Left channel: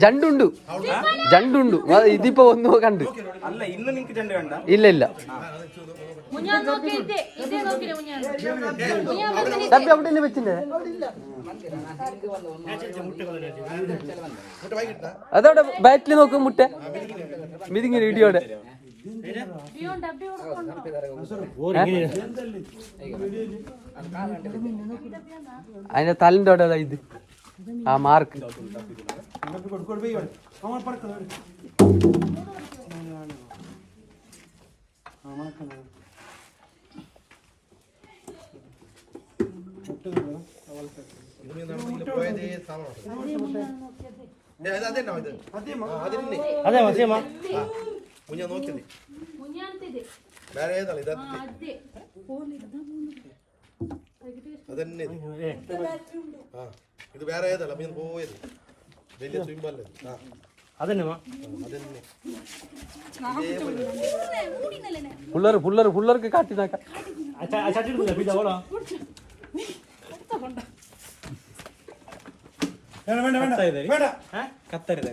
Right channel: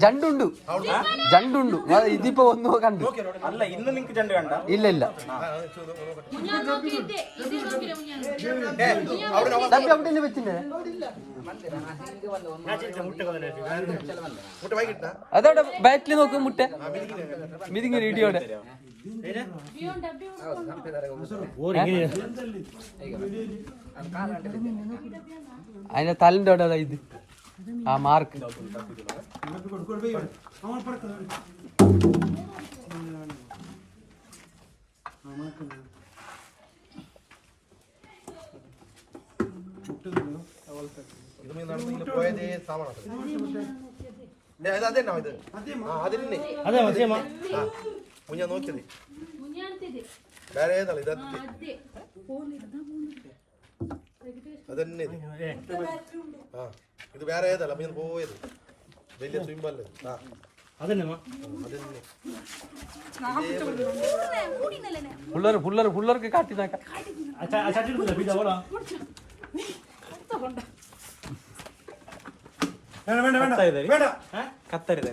ജണ്ടുണ്ട് ജണ്ടുണ്ട് ഇതിപ്പോ ഒന്ന് കണ്ട് അല്ല ഇന്ന് നിങ്ങക്ക് ജണ്ട് വേണ്ട ഇല്ല ഇല്ല അതവിടെ ബാറ്റിൽ നോക്കും മുട്ട മിതിങ്ങി ഇടിയോടെ അതിന്റെ തലിന്റെ അവിടെ ഇത് ആ മാർക്ക് അതന്നെ ഇത് വേറെ ഏതല്ല മീൻ പോയത് വലിയ സ്വിമ്മല്ലേ അതന്നെ പിള്ളേർക്ക് കാട്ടി കത്തരുത്